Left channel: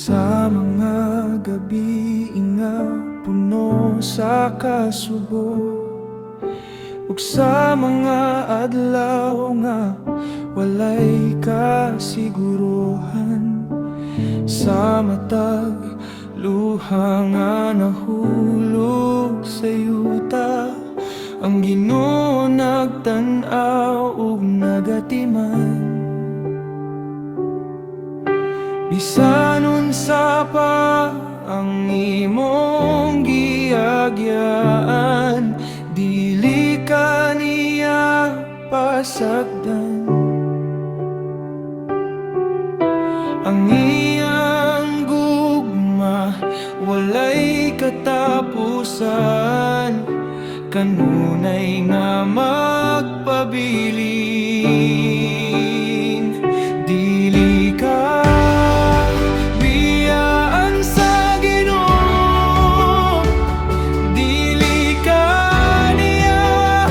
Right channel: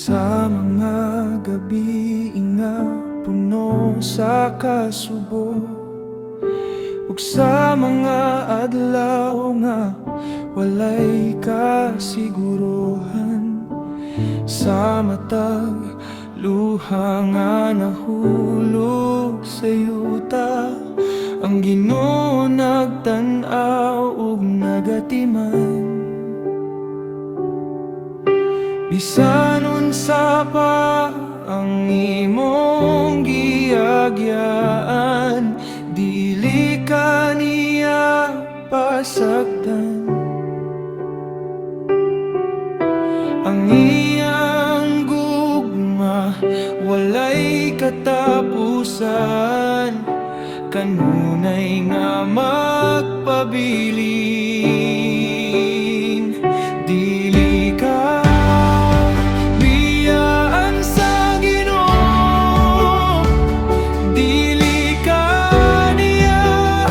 Sa mga gabi nga puno sa kasubo, ug sa mga adlaw nga walay kasiguruhan, sa matag luha nga nahulog sa yuta, ang Ginoo nagtan-aw ug nagatiman. Bisan unsa pa ang imong giagyaan, dili ka niya pasagdan. Ang iyang gugma walay katapusan, kanunay nga magpabilin. Dili ka biyaan sa Ginoo, dili ka niya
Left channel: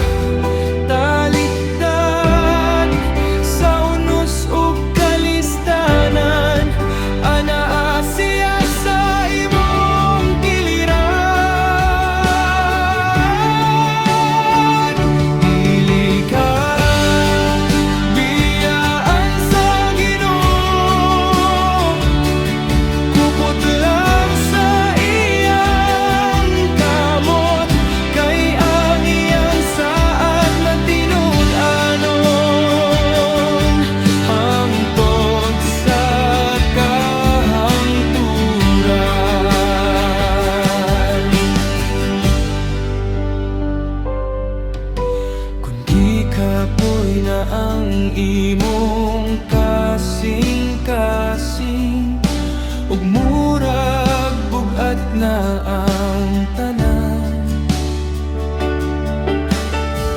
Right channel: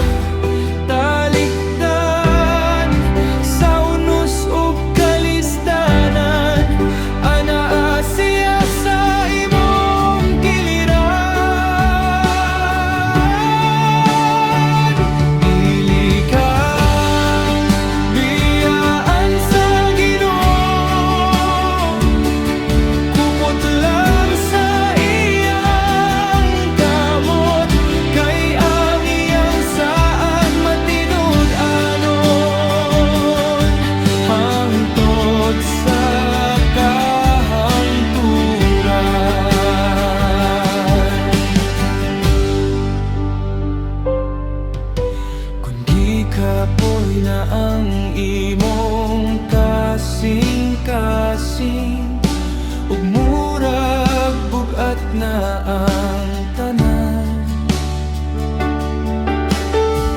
talikdan. Sa unos ug kalistanan, anaa siya sa imong giliran. Dili ka kapoy na ang imong kasing-kasing, ug murag bugat na ang tanan.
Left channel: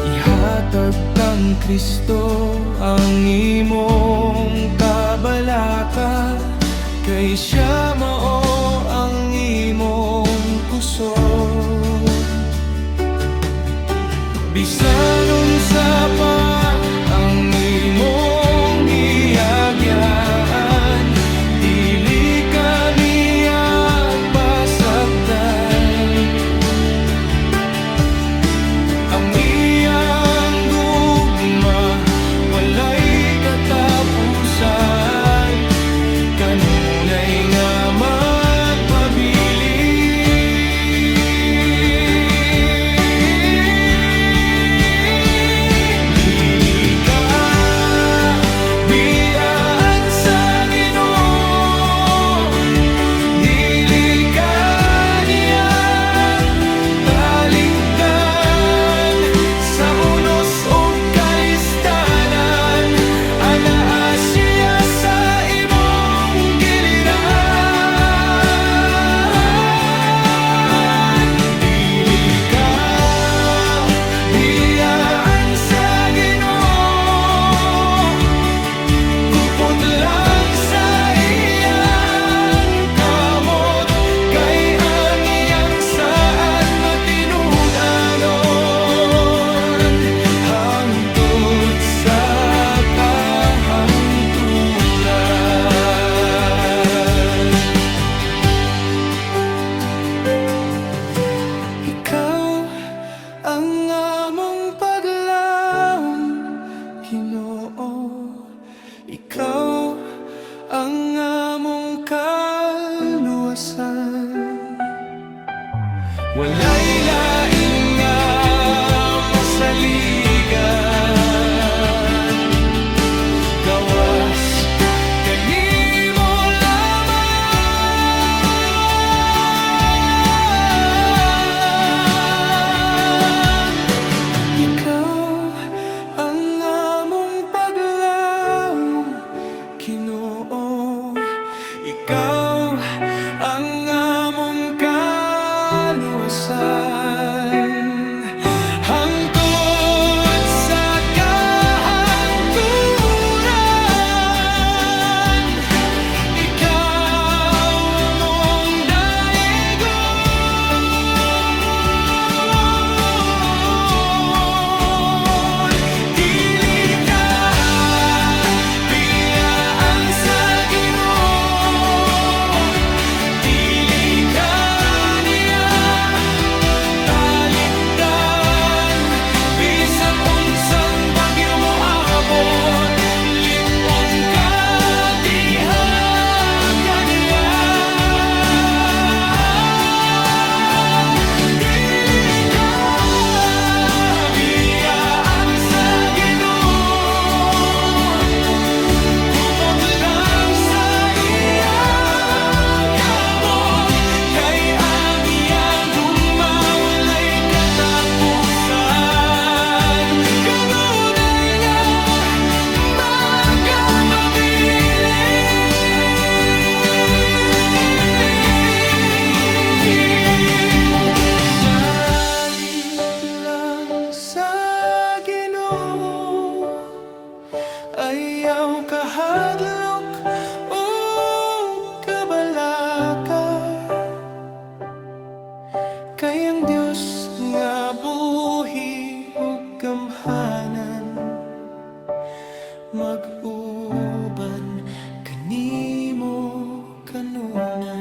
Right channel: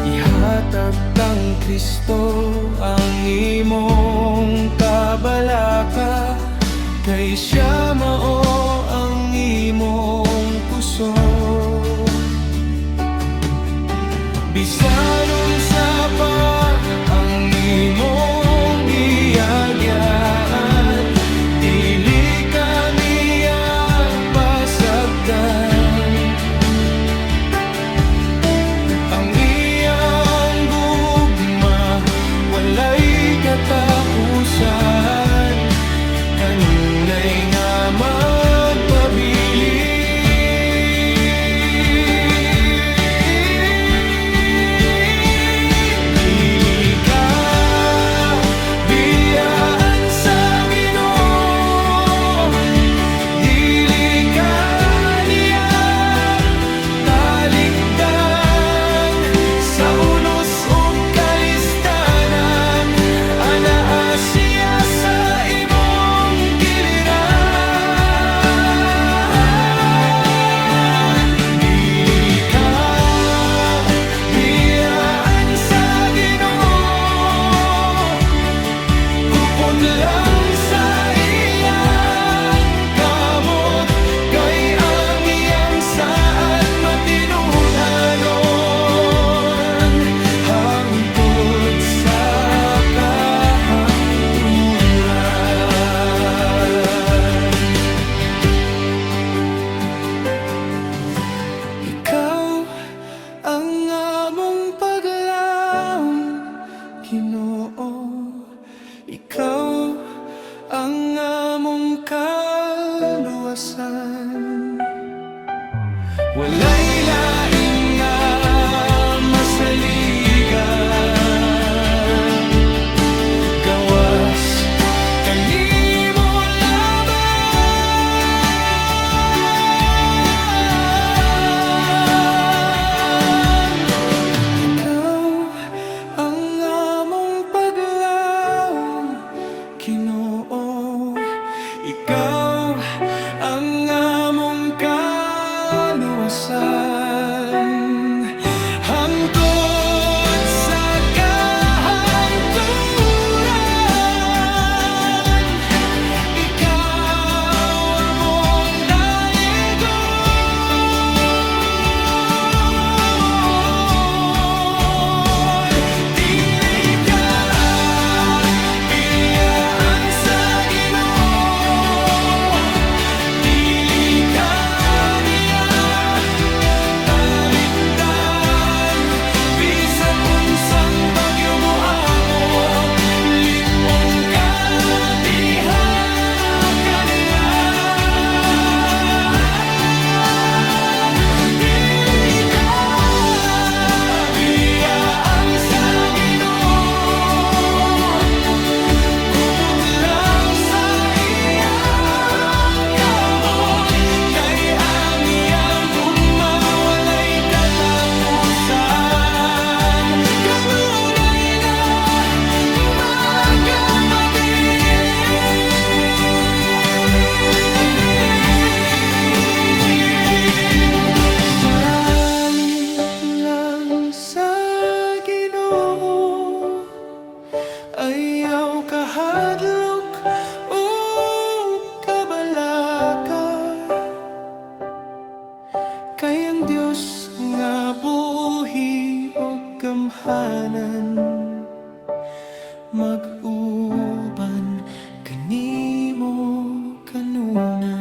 Ihatag kang Kristo ang imong kabalaka, kay siya mao ang imong kusog. Bisan unsa pa ang imong giagyaan, dili ka niya pasagdan. Ang iyang gugma walay katapusan, kanunay nga magpabilin. Ikaw ang among kaluwasan. Walay lain nga masaligan, gawas kanimo lamang. Ikaw ang among Ginoo, ikaw ang among kaluwasan, hangtod sa kahangturan. Ikaw among dayogon, dili ka biyaan sa Ginoo. kahadlok o kabalaka. Kay ang Dios nga buhi o gamhanan, mag-uban kanimo kanuna.